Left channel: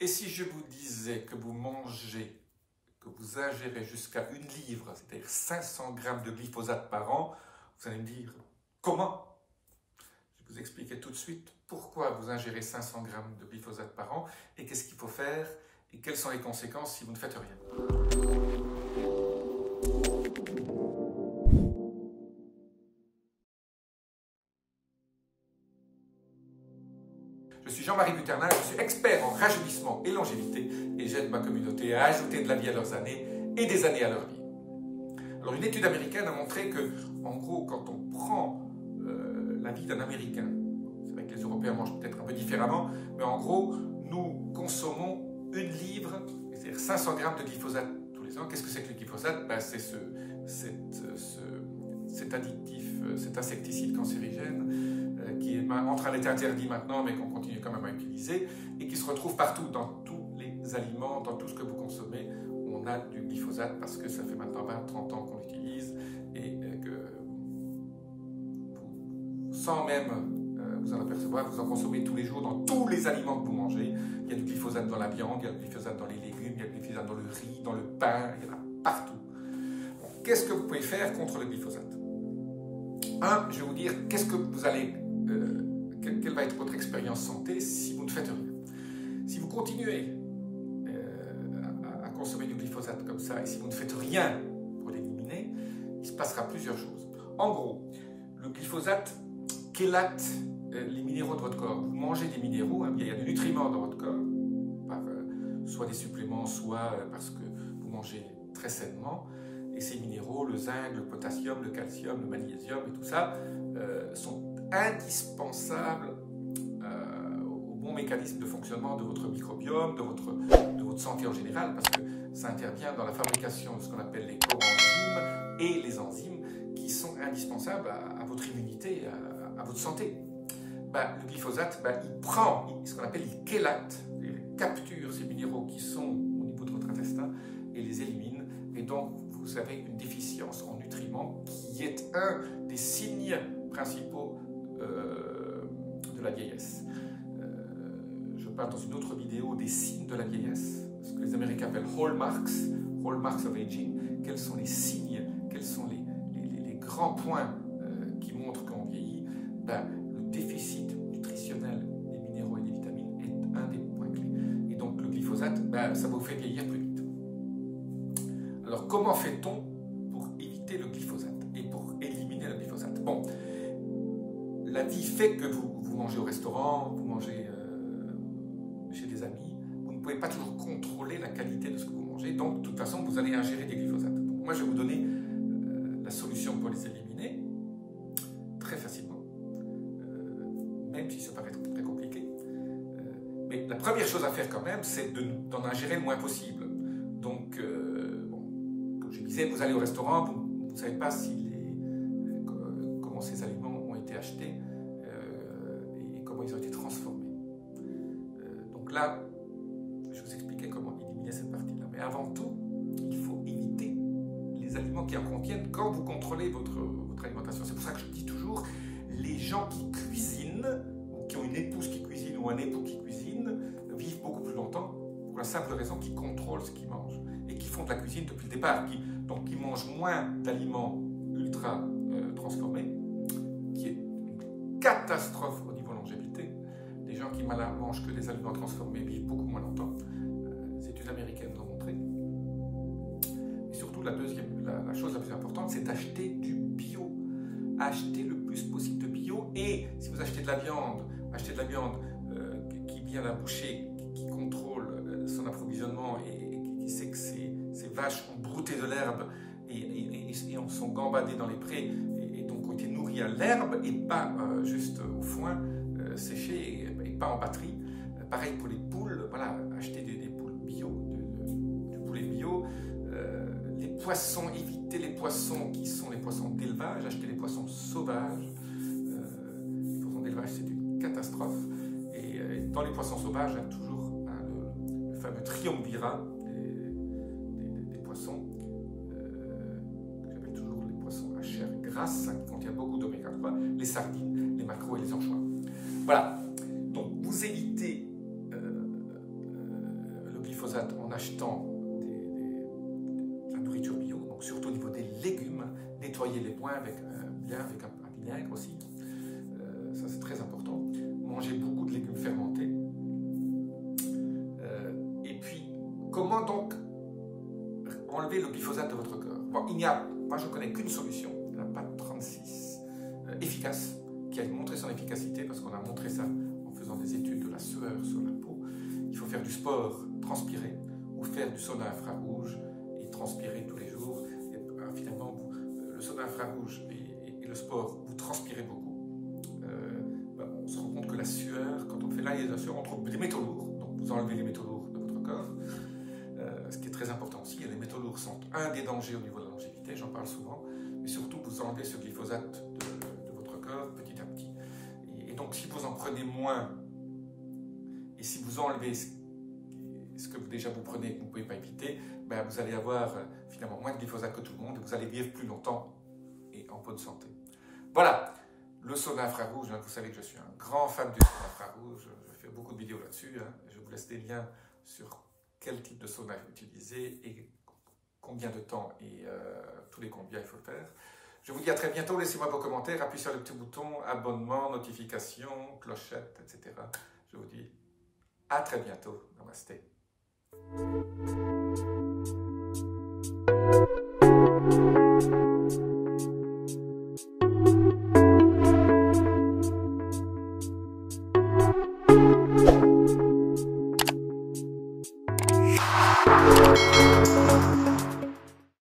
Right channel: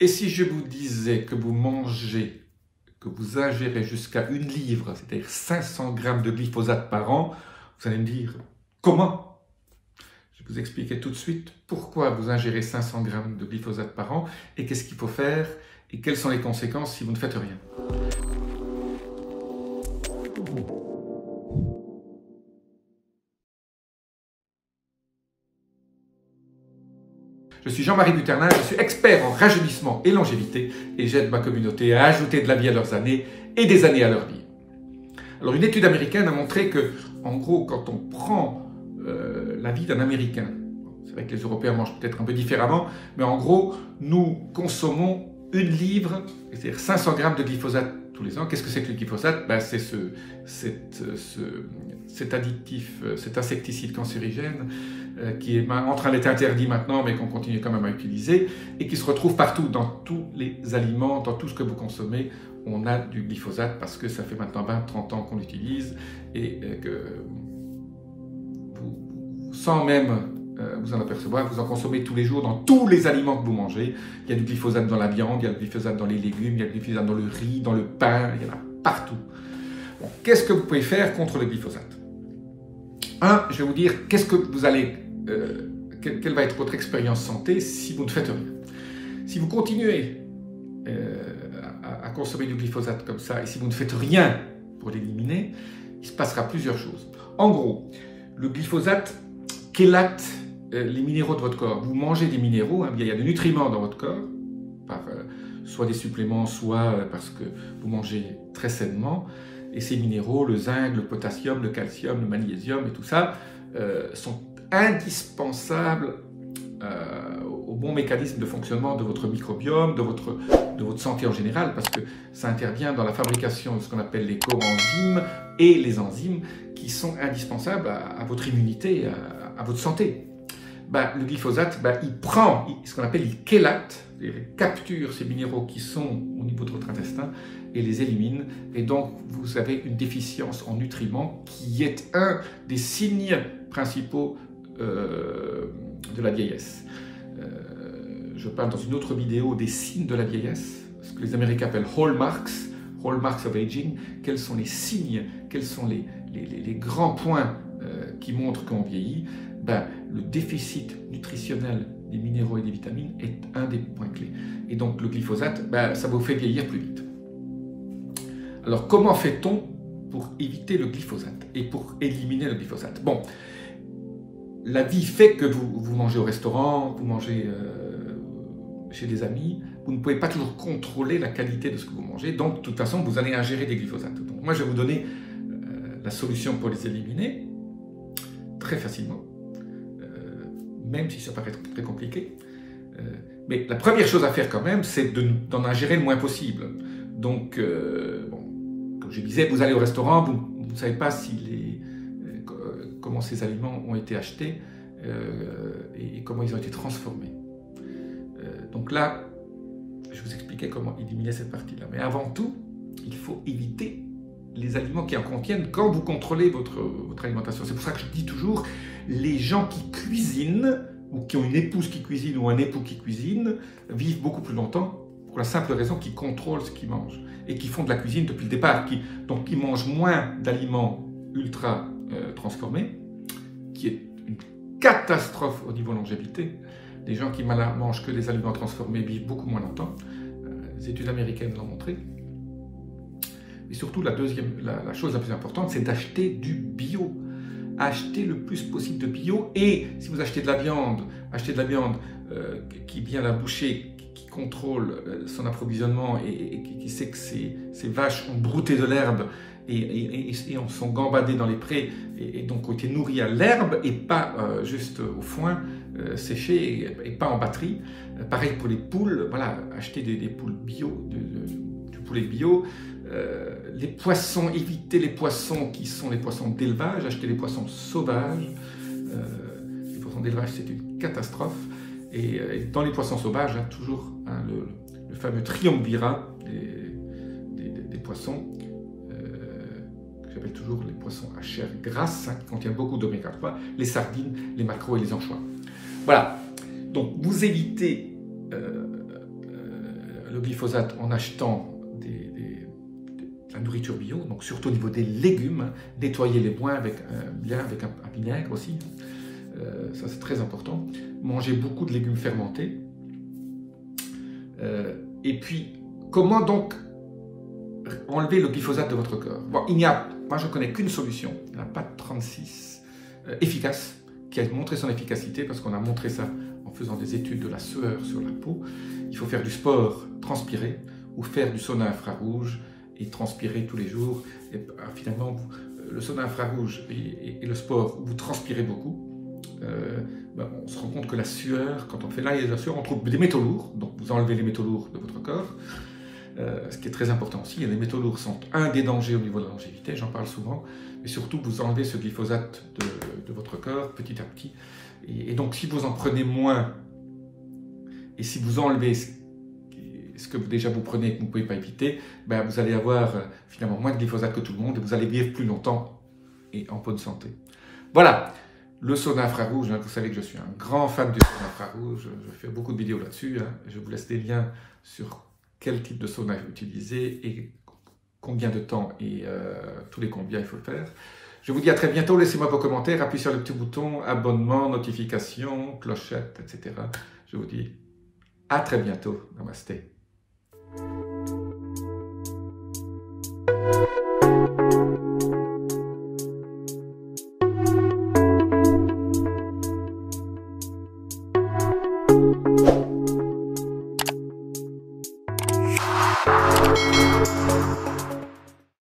Et si je vous disais que vous mangez, que vous ingérez jusqu'à 1 livre, c'est-à-dire 500 grammes de glyphosate par an, vous allez me dire, comment? Je vais vous expliquer tout de suite pourquoi vous ingérez 500 grammes de glyphosate par an et qu'est-ce qu'il faut faire et quelles sont les conséquences si vous ne faites rien. Je suis Jean-Marie Buterlin, je suis expert en rajeunissement et longévité et j'aide ma communauté à ajouter de la vie à leurs années et des années à leur vie. Alors une étude américaine a montré que, en gros, quand on prend la vie d'un Américain, c'est vrai que les Européens mangent peut-être un peu différemment, mais en gros, nous consommons 1 livre, c'est-à-dire 500 grammes de glyphosate tous les ans. Qu'est-ce que c'est que le glyphosate? C'est cet additif, cet insecticide cancérigène qui est en train d'être interdit maintenant, mais qu'on continue quand même à utiliser, et qui se retrouve partout, dans tous les aliments, dans tout ce que vous consommez, on a du glyphosate, parce que ça fait maintenant 20-30 ans qu'on l'utilise, et que vous, sans même vous en apercevoir, vous en consommez tous les jours, dans tous les aliments que vous mangez. Il y a du glyphosate dans la viande, il y a du glyphosate dans les légumes, il y a du glyphosate dans le riz, dans le pain, il y en a partout. Bon, qu'est-ce que vous pouvez faire contre le glyphosate? Je vais vous dire, qu'est-ce que vous allez... quelle va être votre expérience santé si vous ne faites rien. Si vous continuez à consommer du glyphosate comme ça et si vous ne faites rien pour l'éliminer, il se passera plusieurs choses. En gros, le glyphosate chélate les minéraux de votre corps. Vous mangez des minéraux, il y a des nutriments dans votre corps, par soit des suppléments, soit parce que vous mangez très sainement. Et ces minéraux, le zinc, le potassium, le calcium, le magnésium et tout ça, sont indispensables au bon mécanisme de fonctionnement de votre microbiome, de votre santé en général, parce que ça intervient dans la fabrication de ce qu'on appelle les coenzymes et les enzymes qui sont indispensables à votre immunité, à votre santé. Le glyphosate, il prend ce qu'on appelle, il chélate, il capture ces minéraux qui sont au niveau de votre intestin et les élimine, et donc vous avez une déficience en nutriments qui est un des signes principaux de la vieillesse. Je parle dans une autre vidéo des signes de la vieillesse, ce que les Américains appellent hallmarks of aging. Quels sont les signes, quels sont les grands points qui montrent qu'on vieillit? Le déficit nutritionnel des minéraux et des vitamines est un des points clés. Et donc le glyphosate, ça vous fait vieillir plus vite. Alors comment fait-on pour éviter le glyphosate et pour éliminer le glyphosate? Bon, la vie fait que vous mangez au restaurant, vous mangez chez des amis, vous ne pouvez pas toujours contrôler la qualité de ce que vous mangez, donc de toute façon vous allez ingérer des glyphosates. Donc moi je vais vous donner la solution pour les éliminer très facilement, même si ça paraît très compliqué. Mais la première chose à faire quand même, c'est d'en ingérer le moins possible. Donc, comme je disais, vous allez au restaurant, vous ne savez pas comment ces aliments ont été achetés et comment ils ont été transformés. Donc là, je vous expliquais comment éliminer cette partie-là. Mais avant tout, il faut éviter les aliments qui en contiennent quand vous contrôlez votre alimentation. C'est pour ça que je dis toujours, les gens qui cuisinent, ou qui ont une épouse qui cuisine ou un époux qui cuisine, vivent beaucoup plus longtemps pour la simple raison qu'ils contrôlent ce qu'ils mangent et qui font de la cuisine depuis le départ, donc ils mangent moins d'aliments ultra transformés, qui est une catastrophe au niveau longévité. Les gens qui mangent que des aliments transformés vivent beaucoup moins longtemps. Les études américaines l'ont montré. Et surtout, la chose la plus importante, c'est d'acheter du bio. Achetez le plus possible de bio, et si vous achetez de la viande, achetez de la viande qui vient d'un boucher, qui contrôle son approvisionnement et qui sait que ces vaches ont brouté de l'herbe et sont gambadées dans les prés et donc ont été nourries à l'herbe et pas juste au foin séché et pas en batterie. Pareil pour les poules, voilà, achetez des poules bio, du poulet bio. Les poissons, évitez les poissons qui sont les poissons d'élevage, achetez les poissons sauvages. Les poissons d'élevage, c'est une catastrophe. Et dans les poissons sauvages, toujours le fameux triumvirat des poissons, que j'appelle toujours les poissons à chair grasse, qui contiennent beaucoup d'oméga 3, les sardines, les maquereaux et les anchois. Voilà, donc vous évitez glyphosate en achetant de la nourriture bio, donc surtout au niveau des légumes, nettoyez les bien avec un vinaigre aussi, ça c'est très important. Mangez beaucoup de légumes fermentés. Et puis, comment donc enlever le glyphosate de votre corps? Bon, moi je ne connais qu'une solution, il n'y en a pas de 36 efficace, qui a montré son efficacité, parce qu'on a montré ça en faisant des études de la sueur sur la peau. Il faut faire du sport, transpirer, ou faire du sauna infrarouge et transpirer tous les jours. Et finalement, le sauna infrarouge et le sport, où vous transpirez beaucoup, on se rend compte que la sueur, quand on fait là, la sueur, on trouve des métaux lourds, donc vous enlevez les métaux lourds de votre corps. Ce qui est très important aussi, les métaux lourds sont un des dangers au niveau de la longévité, j'en parle souvent, mais surtout vous enlevez ce glyphosate de votre corps petit à petit. Et donc si vous en prenez moins, et si vous enlevez ce que déjà vous prenez et que vous ne pouvez pas éviter, vous allez avoir finalement moins de glyphosate que tout le monde et vous allez vivre plus longtemps et en bonne santé. Voilà, le sauna infrarouge, vous savez que je suis un grand fan du sauna infrarouge, je fais beaucoup de vidéos là-dessus, je vous laisse des liens sur quel type de sauna utiliser et combien de temps et tous les combien il faut le faire. Je vous dis à très bientôt, laissez-moi vos commentaires, appuyez sur le petit bouton, abonnement, notification, clochette, etc. Je vous dis à très bientôt. Namasté.